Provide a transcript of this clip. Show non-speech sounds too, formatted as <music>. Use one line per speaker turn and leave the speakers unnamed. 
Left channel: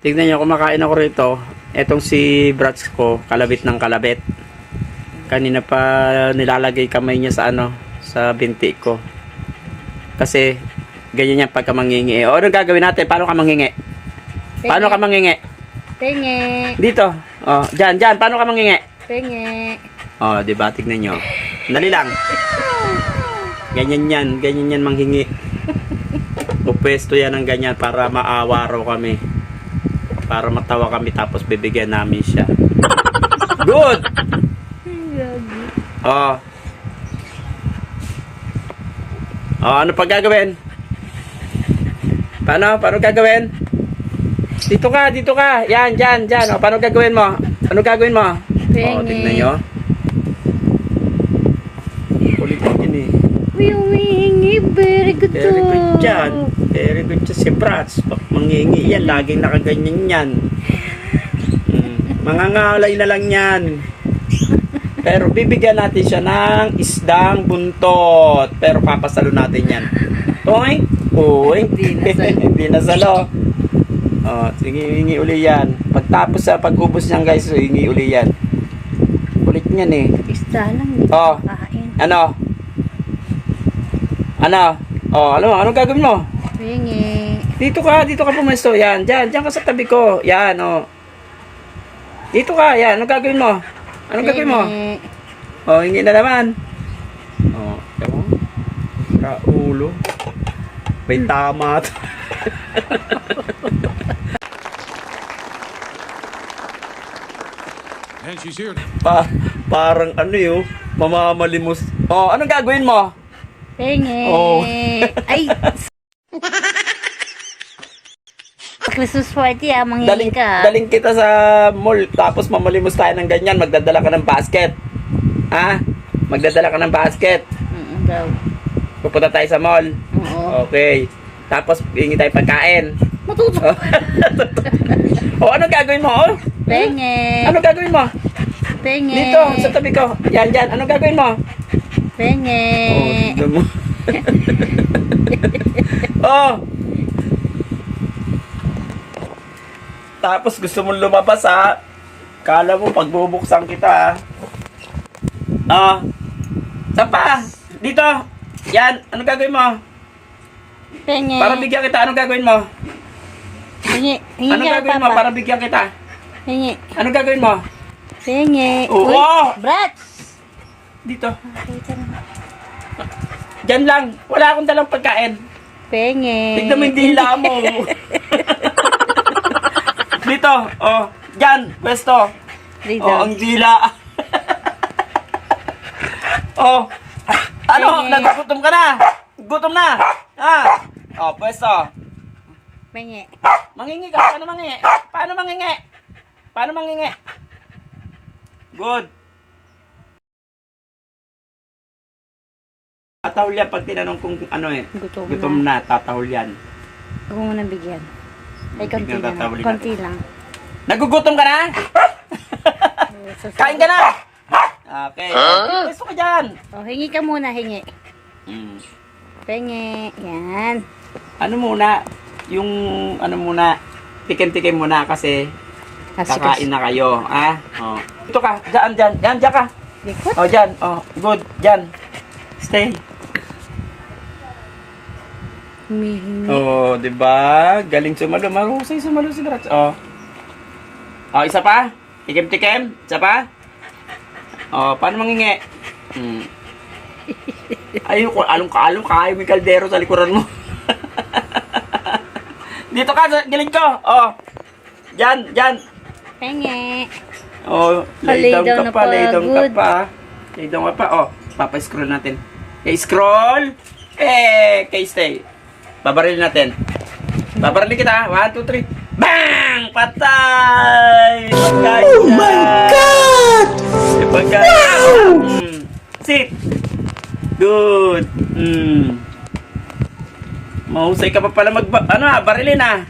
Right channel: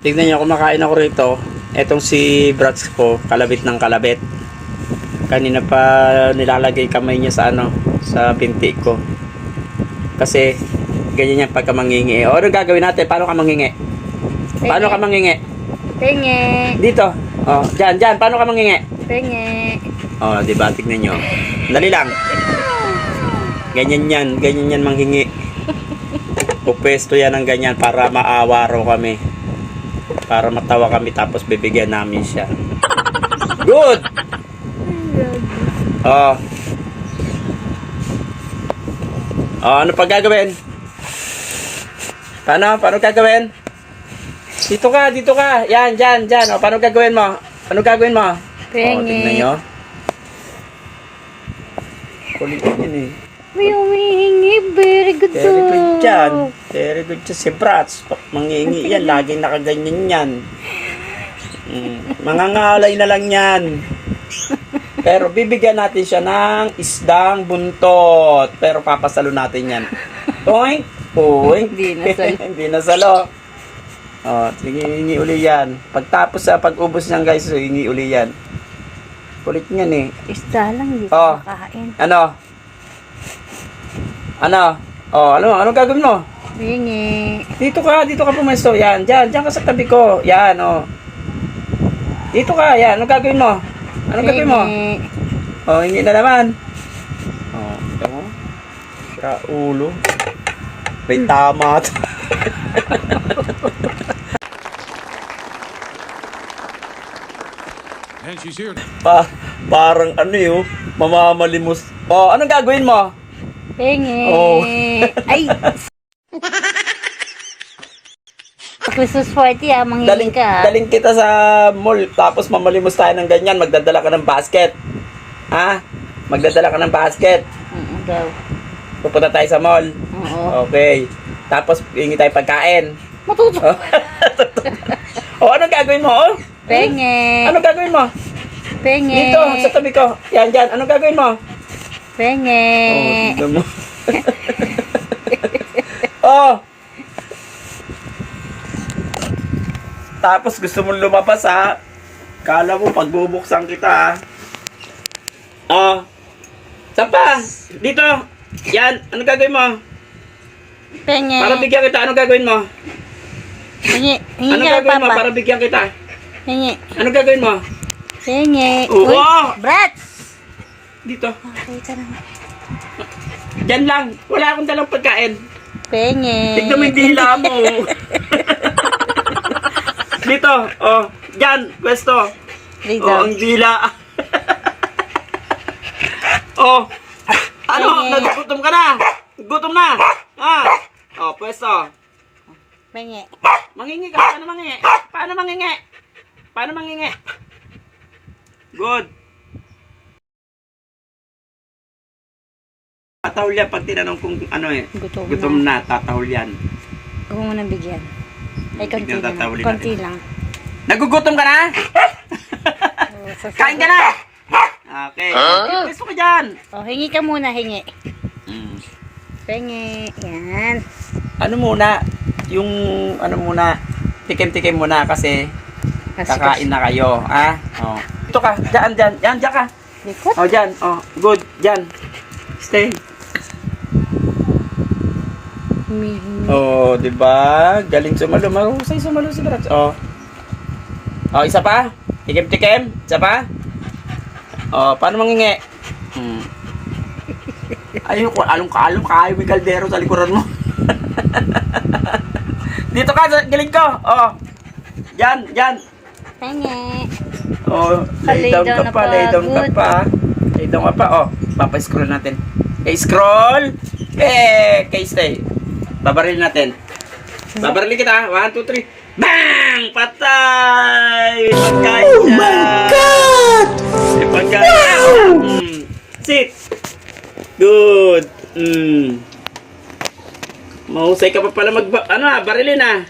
Tignan nyo, kumakain ako rito. Etong si Brats ko, kalabit ng kalabit. Kanina pa nilalagay kamay niya sa ano, sa binti ko. Kasi, ganyan yan pagka mangingi. O, ano gagawin natin? Paano ka mangingi? Paano ka mangingi?
Penge.
Dito. O, dyan, dyan. Paano ka mangingi?
Penge.
O, di ba? Tignan nyo. Dali lang. Ganyan yan. Ganyan yan manghingi. <laughs> Pupwesto yan ng ganyan para maawa raw kami. Para matawa kami tapos bibigyan namin siya. Good! Oh. Oh, ano pa gagawin? Paano? Paano gagawin? Dito ka, dito ka. Yan, dyan, dyan. O, paano gagawin mo? Ano gagawin mo?
Penge.
Oh, tignan nyo. Kulit yun eh.
Very good
Very good
to.
Very good siya si Brats. Pag mangingi yan, laging nakaganyan yan. Mm. Mangangalay na lang yan. Pero bibigyan natin siya ng isdang buntot. Pero papasalo natin yan. Oink! Oink!
Hindi. <laughs>
Hindi nasalo. Oh, sige, hingi uli yan. Pagtapos sa pag-ubos niyan guys, so hingi uli yan. Kulit niyan eh.
Isa lang. Hindi
Oh.
makain.
Ano? Ano? Oh, ano? Anong gagawin mo?
Penge.
Dito ka, dito ka pumesto. Yan, dyan, dyan ka sa tabi ko. Yan, oh. Dito ka, yan. Anong gagawin mo? Anong gagawin mo?
Penge.
Oh, hindi na naman. Oh, tama. Sa ulo. May tama. to. <laughs>
And she's here.
pa, parang ano yun, mamamalimos. Oh, anong gagawin mo?
Penge.
Oh.
Ay. <laughs> Christmas party ah,
Daling,
mangingi ka.
daling kita sa mall, tapos mamalimos tayo ng ganyan, magdadala ka ng basket. Ha? Magdadala ka ng basket.
Oo daw.
Pupunta tayo sa mall.
Oo.
Okay. Tapos, hingi tayo pagkain.
Matuto.
Oh. <laughs> oh, anong gagawin mo?
Penge.
Anong gagawin mo?
Penge.
Dito, sa tabi ko. Yan, dyan. Anong gagawin mo?
Penge.
Oh, tignan mo. <laughs> oh. Tapos gusto mong lumabas ha. Kala mo pagbubuksan kita ha. Ah. Saan pa? Dito. Yan. Anong gagawin mo?
Penge.
Para bigyan kita. Anong gagawin mo?
Hingi
Anong
ka
gagawin mo?
papa.
Para bigyan kita.
Hingi.
Anong gagawin mo?
Penge.
Oo.
Uy, Brats.
Dito.
Lang.
Diyan lang. Wala akong dalang pagkain.
Penge.
Tignan mo yung dila mo. <laughs> Dito. Oh. Diyan. Pwesto.
Dito.
Oh, ang dila. <laughs> oh. Ano?
Penge.
Naggutom ka na? Gutom na? Ha? Oh, pwesto.
Penge.
Mangingi ka. Paano mangingi? Paano mangingi? Paano mangingi? Good. Tatahol yan pag tinanong kung ano eh.
Gutom,
Gutom
na.
na, tatahol yan.
Huwag mo nang bigyan. Ay, konti lang.
tatawalin
Konti
natin.
lang.
Nagugutom ka na?
Oh. <laughs>
Kain ka na? Okay. Gusto ko dyan.
Oh, hingi ka muna, hingi.
Mm.
Penge. Yan.
Ano muna, yung ano muna, tikim-tikim muna kasi kakain na kayo. Ha? Oh. Ito ka, dyan, dyan, dyan, dyan ka.
Likot.
Oh, dyan, oh, good, dyan. Stay.
Humihingi.
Oh, di ba? Galing sumalo. Marusay sumalo si Brats. Oh. Oh, isa pa? Tikim-tikim? Isa pa? Oh, paano mangingi? Hmm. Ayun along-kalong kayo may kaldero sa likuran mo. <laughs> Dito ka, sa gilid ko. Oh. Diyan, diyan.
Penge.
Oh,
Lay
down ka pa, lay down ka pa. Lay down ka pa. Oh, papa-scroll natin. Eh, scroll. Eh, okay, stay. Babaril natin. Babaril kita. 1, 2, 3. Bang! Patay! oh my God! Wow! Mm. Sit. Good. Mm. Mahusay ka pa pala mag... Ano ah, barilin ah.